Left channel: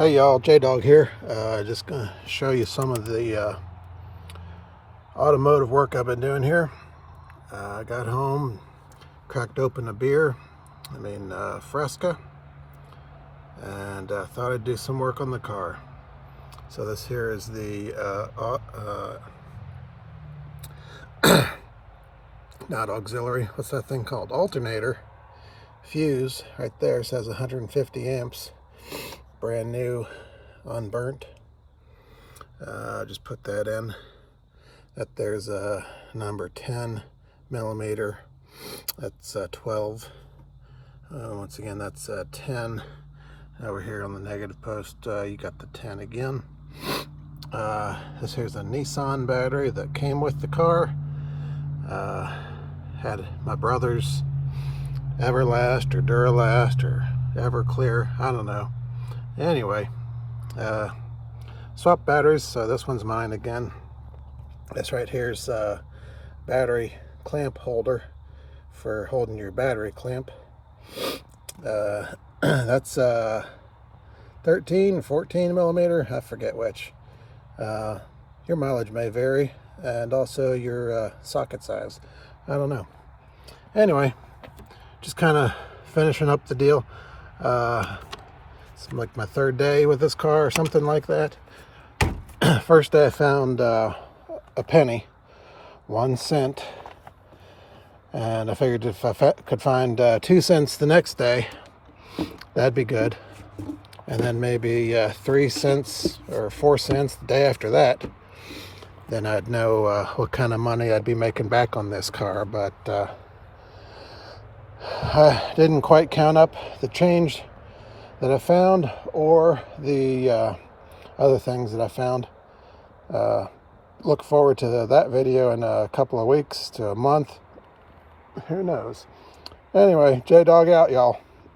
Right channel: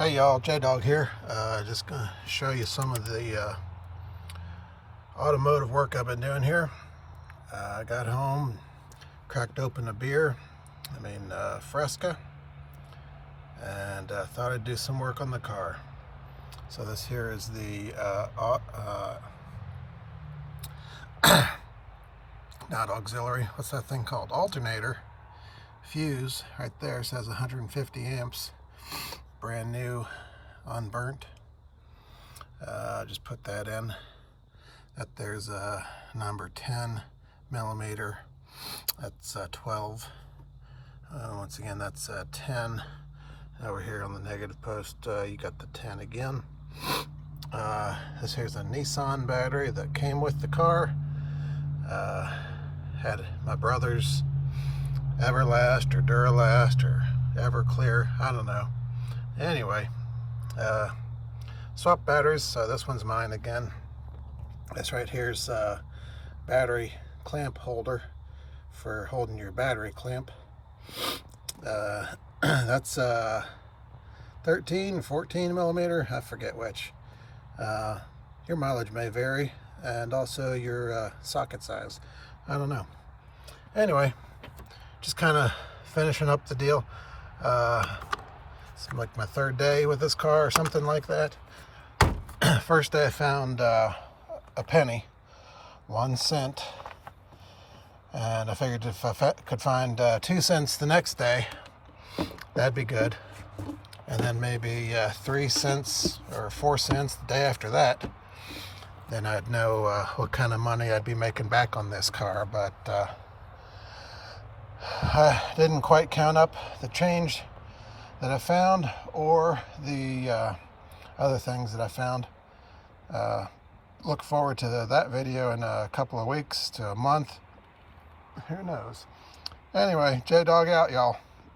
Hey y'all, JDawg here. Just gonna show you some of the automotive work I've been doing here. I got home, cracked open a beer, Fresca, and thought I'd do some work on the car. So this here is the not auxiliary, what's that thing called? Alternator fuse right there. Says 150 amps. Brand new, unburnt. Just put that in. That there's a number 10 millimeter. That's 12. Once again, that's 10. Over here on the negative post, you got the 10 again. This here's a Nissan battery that came with the car. Had my brother's Everlast or Duralast or Everclear, I don't know. Anyway, swap batteries. So this one's mine again. This right here is a battery clamp holder for holding your battery clamp. That's 13, 14 millimeter, I forget which. Your mileage may vary, and also your socket size, I don't know. Anyway, just kind of finishing up the deal. It's like my third day with this car or something like that. First day I found a penny, 1 cent, and I figured if I could find 2 cents the next day, that'd be good. And then maybe 3 cents or 4 cents the day after that, then I'd know what kind of money I'd be making back on this car. But I didn't quite count up the change that I found or the other things that I found. Look forward to that video in a couple of weeks to a month. Who knows? Anyway, JDawg out, y'all.